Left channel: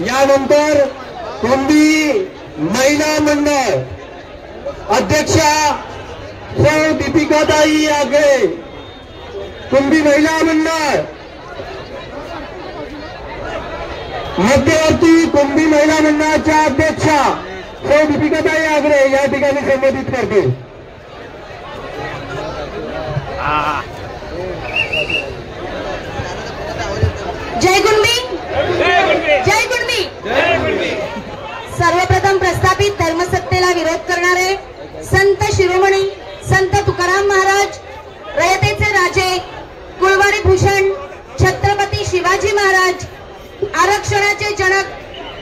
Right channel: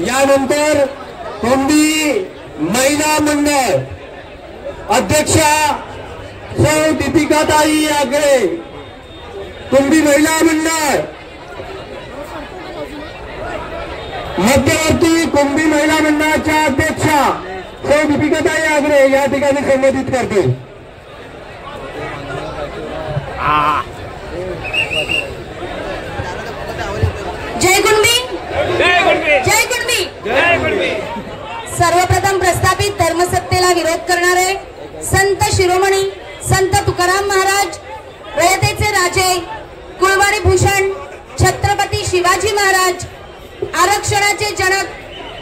यानंतर कुंभी महिला मंडळ अध्यक्षा सौ दीपिकाताई आगळे, कुंभी महिला मंडळ मध्यवर्ती कुंभी महिला मंडळाच्या अध्यक्षा सौ दीपिकाताई आगळे या ठिकाणी संबोधित करतील। जय कुंभी, जय कुंभी, जय कुंभी। सर्वप्रथम प्रस्थापित धर्मसत्तेला विरोध करणारे संत शिरोमणी संत तुकाराम महाराज, रयतेचे राजे कुळवाडी भूषण छत्रपती शिवाजी महाराज, आरक्षणाचे जनक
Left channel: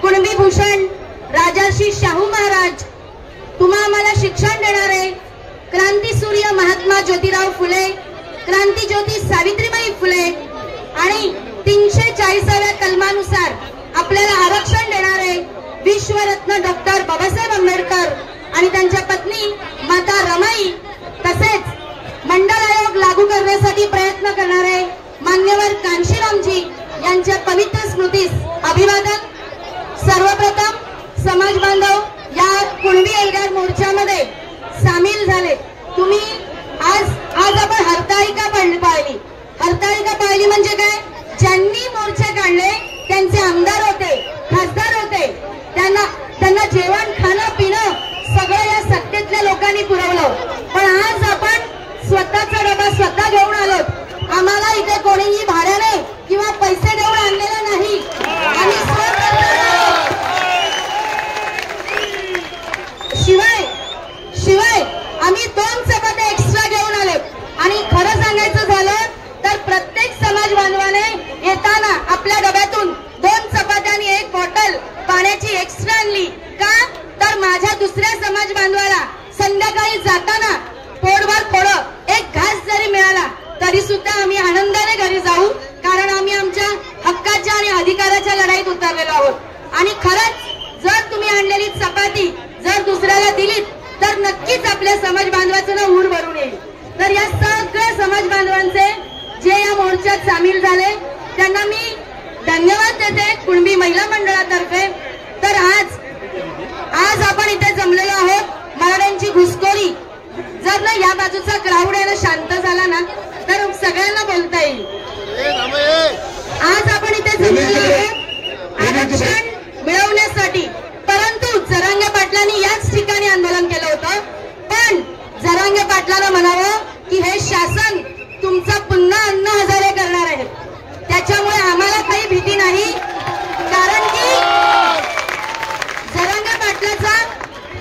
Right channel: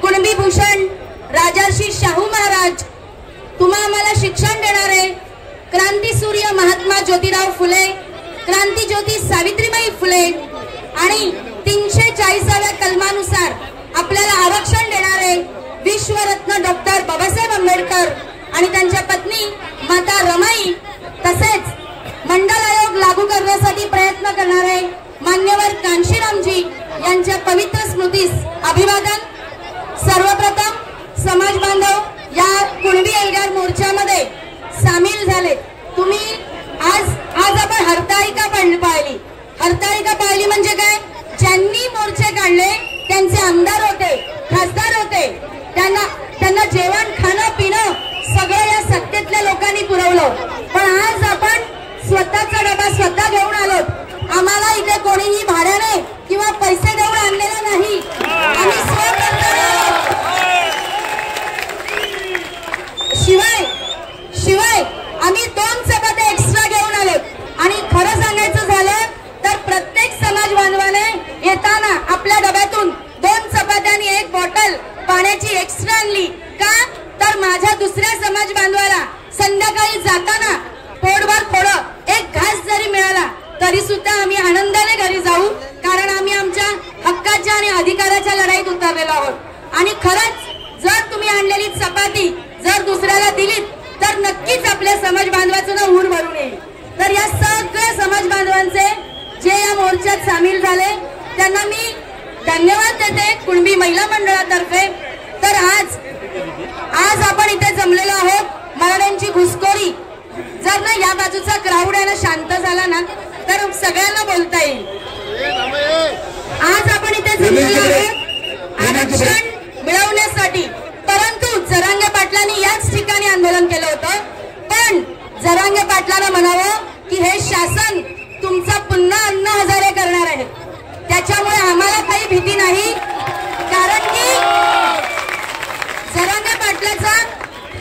कुणबी भूषण राजर्षी शाहू महाराज, तुम्हा आम्हाला शिक्षण देणारे क्रांतीसूर्य महात्मा ज्योतिराव फुले, क्रांतीज्योती सावित्रीबाई फुले आणि 340व्या कलमानुसार आपल्याला आरक्षण देणारे विश्वरत्न डॉक्टर बाबासाहेब आंबेडकर आणि त्यांच्या पत्नी माता रमाई, तसेच मंडल आयोग लागू करण्यासाठी प्रयत्न करणारे मान्यवर कांशीरामजी यांच्या पवित्र स्मृतीस अभिवादन। सर्वप्रथम समाज बांधव या कुणबी एल्गार मोर्चामध्ये सामील झाले। तुम्ही आज आपण हरताळिका पाहिली। हरताळिका पाहिली म्हणजे काय? ज्यांनी मोर्चे काढले त्यांचे आमदार होते, खासदार होते, त्यांना जेवण खाणं पिणं सगळं या सत्तेतल्या लोकांनी पुरवलं। पण आज आपण स्वतःचा डबा स्वतः घेऊन आलो। आम्हाला इथे कोणीही भाड्याने किंवा पैसे देऊन आणलेलं नाही, आम्ही शिवाय आम्ही 2 चपात्या एक्स्ट्रा घेऊन आलो। आणि खरं सांगायचं झालं तर प्रत्येक समाज बांधवाने येताना आपल्या डब्यातून 2 चपात्या आणि 1 बॉटल पाण्याची एक्स्ट्रा आणली। का तर माझ्या दुसऱ्या समाज बांधवाला संध्याकाळी जाताना पोटभर थोडं एक घास जरी मिळाला तरी सुद्धा आम्ही आनंदाने घरी जाऊ, कारण आम्ही आमच्या हक्काच्या आणि अधिकाराच्या लढाईत उतरलेलो आहोत। आणि खरंच जर तुम्ही आणलेली चपाती जर दुसऱ्याला दिलीत तर नक्कीच आपल्या समाज बांधवाचं नाव ऊर भरून येईल। तर या सगळ्या समाज बांधवांचे जे या मोर्चात सामील झाले त्यांना मी धन्यवाद देते कुणबी महिला मंडळातर्फे। तर आज आपण इथे जमलेलो आहोत मराठ्यांची घुसखोरी जर ना या बाजूचा क्राऊड आहे ना शांत झाला ना तर सगळ्यांना बोलता येईल। आज आपण इथे जमलेलो आहोत आरक्षण मिळवण्यासाठी, परंतु जरांगे पाटलांनी याच ठिकाणी आंदोलन केलं होतं। पण जरांगे पाटलांना म्हणावं की हे शासन तुमचा पुन्हा 9000 करणार आहे, त्याच्यामुळे आम्हाला काही भीती नाही, कारण की जरांगे पाटलाचा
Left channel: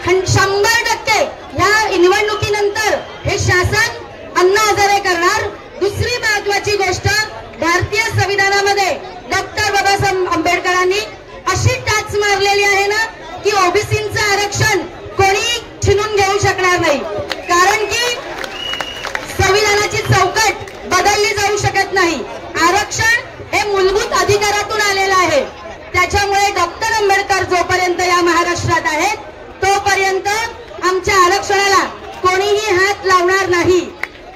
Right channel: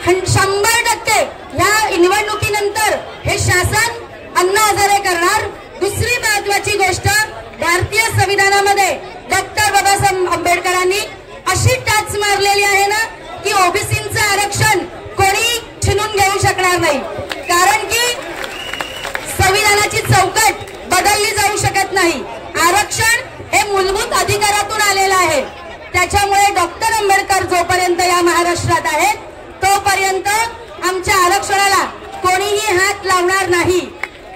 100% या निवडणुकीनंतर हे शासन 9000 करणार। दुसरी महत्वाची गोष्ट, भारतीय संविधानामध्ये डॉक्टर बाबासाहेब आंबेडकरांनी अशी टाच मारलेली आहे ना की ओबीसींचं आरक्षण कोणी छिनून घेऊ शकणार नाही, कारण की संविधानाची चौकट बदलली जाऊ शकत नाही। आरक्षण हे मूलभूत अधिकारातून आलेलं आहे, त्याच्यामुळे डॉक्टर आंबेडकर जोपर्यंत या महाराष्ट्रात आहेत तोपर्यंत आमच्या आरक्षणाला कोणीही हात लावणार नाही।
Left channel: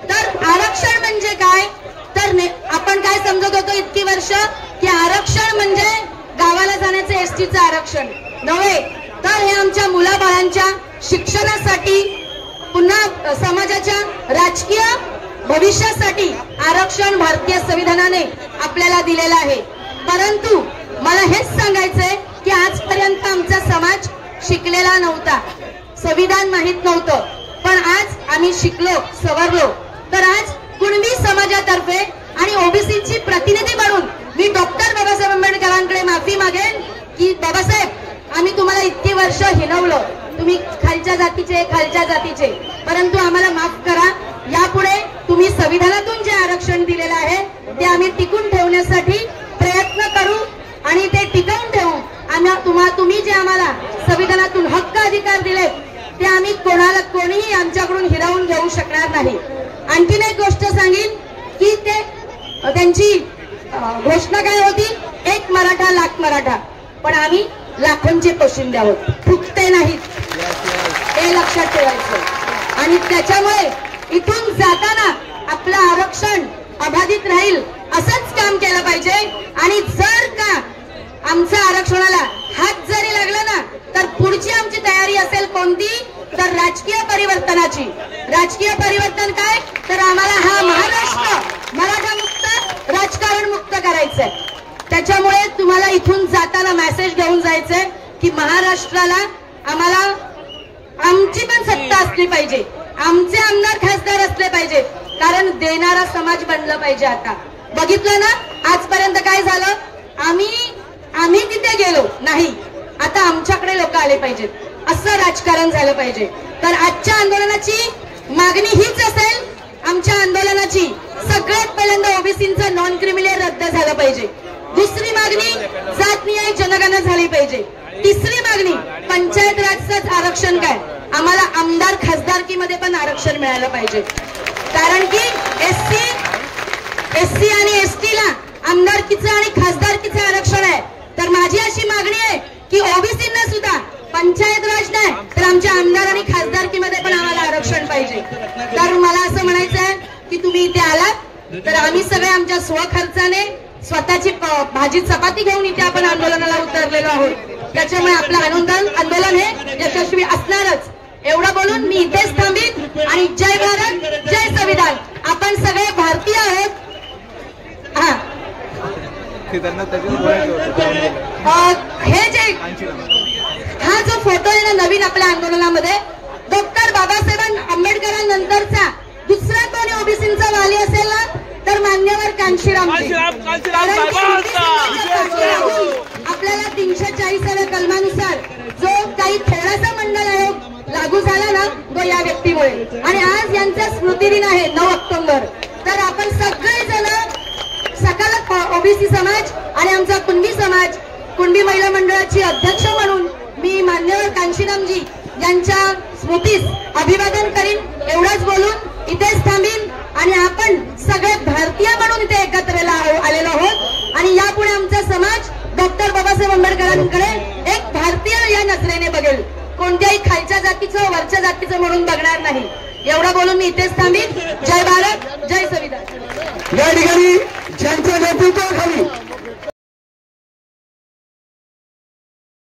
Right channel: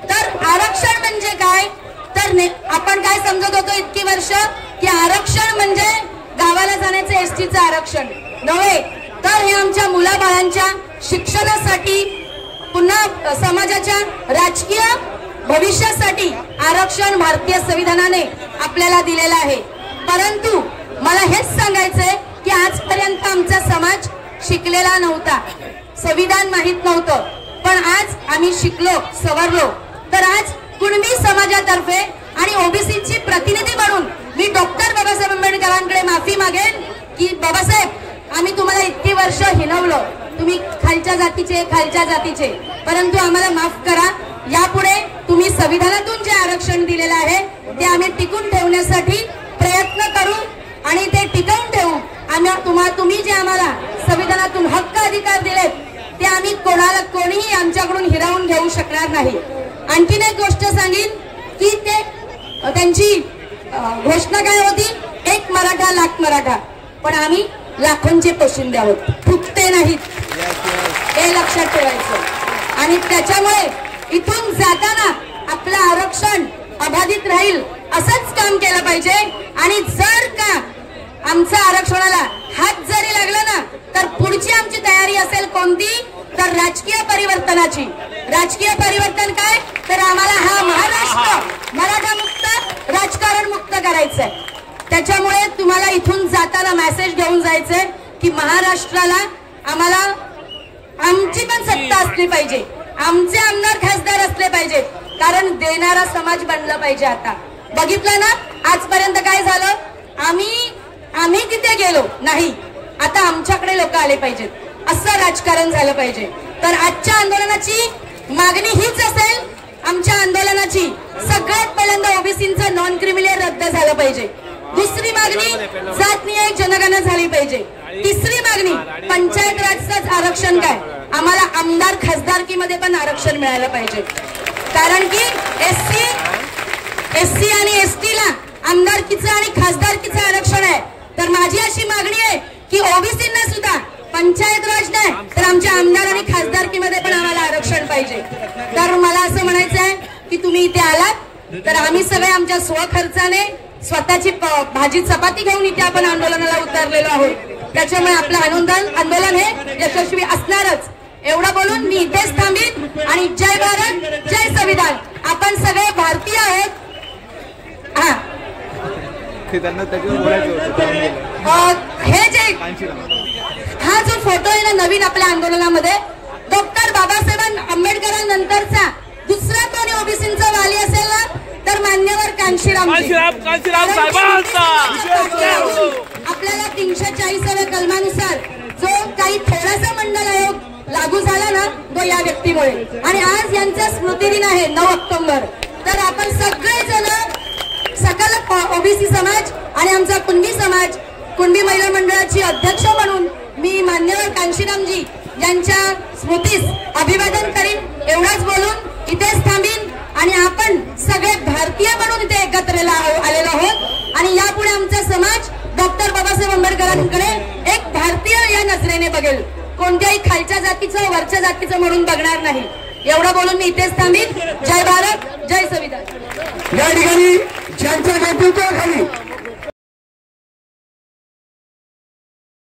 तर आरक्षण म्हणजे काय? तर आपण काय समजत होतो इतकी वर्ष की आरक्षण म्हणजे गावाला जाण्याचं एसटीचं आरक्षण नव्हे, तर हे आमच्या मुलाबाळांच्या शिक्षणासाठी पुन्हा समाजाच्या राजकीय भविष्यासाठी आरक्षण भारतीय संविधानाने आपल्याला दिलेलं आहे। परंतु मला हेच सांगायचंय की आजपर्यंत आमचा समाज शिकलेला नव्हता, संविधान माहित नव्हतं, पण आज आम्ही शिकलो सवरलो। तर आज कुणबी समाजातर्फे आणि ओबीसीची प्रतिनिधी म्हणून मी डॉक्टर बाबासाहेब आंबेडकरांकडे माफी मागेन की बाबासाहेब आम्ही तुम्हाला इतकी वर्ष हिणवलं, तुम्ही खालच्या जातीचे, परंतु आम्हाला माफ करा। यापुढे तुम्ही संविधानातून जे आरक्षण दिलेलं आहे ते आम्ही टिकून ठेवण्यासाठी प्रयत्न करू आणि ते टिकवून ठेवू। तुम्ही जे आम्हाला संविधानातून हक्क अधिकार दिले ते आम्ही कोणीही आमच्याकडून हिरावून घेऊ शकणार नाही। आणखीन एक गोष्ट सांगेन की त्यांची घोषणा काय होती, 1 मराठा लाख मराठा, पण आम्ही लाखोंचे पोशिंदे आहोत, फुकते नाहीत, हे लक्षात ठेवायचं। आणि त्याच्यामुळे इथून जाताना आपलं आरक्षण अबाधित राहील असंच काम केलं पाहिजे। आणि जर का आमच्या आरक्षणाला हात जरी लागला ना तर पुढची आमची तयारी असेल कोणती, तर राजकीय परिवर्तनाची. राजकीय परिवर्तन काय, तर आम्हाला हा महाराष्ट्र मराठा मुक्त राजकारण मुक्त करायचंय. त्याच्यामुळे तुम्हाला इथून जाताना मेसेज घेऊन जायचंय की महाराष्ट्राला आम्हाला आमची पण सत्ता असली पाहिजे, आमचे आमदार खासदार असले पाहिजेत, कारण देणारा समाज बनला पाहिजे. आता बघितलं ना आजपर्यंत काय झालं, आम्ही तिथे गेलो नाही, आता आमच्याकडे लोक आले पाहिजेत, असं राजकारण झालं पाहिजे. तर आजच्या आंदोलनाची मागणी हीच असेल. आमच्या आंदोलनाची सगळ्यात पहिल्यांदा ओबीसीचं नॉन क्रिमिनल रद्द झालं पाहिजे. दुसरी मागणी जातनिहाय जनगणना झाली पाहिजे. तिसरी मागणी पंचायत राजचं आरक्षण काय, आम्हाला आमदार खासदारकीमध्ये पण आरक्षण मिळालं पाहिजे. कारण की एससी आणि एसटीला आमदारकीचं आणि खासदारकीचं आरक्षण आहे. तर माझी अशी मागणी आहे की ओबीसींना सुद्धा पंचायत राज नाही तर आमच्या आमदार आणि खासदारकीमध्ये पण आम्हाला आरक्षण पाहिजे. तर मला असं म्हणायचं आहे की तुम्ही इथे आलात तर आम्ही सगळे आमच्या स्वखर्चाने स्वतःची भाजी चपाती घेऊन इथे आपण आंदोलनाला उतरलेलो आहोत. त्याच्यामुळे आपलं आंदोलन हे यशस्वी असणारच. एवढं बोलून मी इथेच थांबीन आणि जय भारत जय संविधान. आपण सगळे भारतीय आहोत. हे जे हा जो फोटो आहे ना नवीन आपल्या आंदोलनामध्ये, डॉक्टर बाबासाहेब आंबेडकरांनंतरचा दुसरा कोणी ओबीसींचा वाली असेल ना तर मान्यवर कांशीरामजी. आपल्याला 340व्या कलमानुसार जो काही थोडासा मंडल आयोग लागू झाला ना तो या व्यक्तीमुळे, आणि आज यांचा स्मृतिदिन आहे 9 ऑक्टोबर. तर आपण सगळेजण सकल ओबीसी समाज आणि आमचा कुणबी समाज, कुणबी महिला मंडळाची अध्यक्ष म्हणून मी मान्यवर कांशीरामजी यांच्या स्मृतीस अभिवादन करीन. एवढंच बोलून इथेच थांबीन आणि आपण सगळे भारतीय म्हणून इथे एकत्र आलेलो आहोत आणि यापुढे आमचा समाज डॉक्टर बाबासाहेब आंबेडकरांकडे एक भारतीय या नजरेने बघेल, कोणत्याही खालच्या जातीचं वरच्या जातीचं म्हणून बघणार नाही. एवढं बोलून मी इथेच थांबीन. जय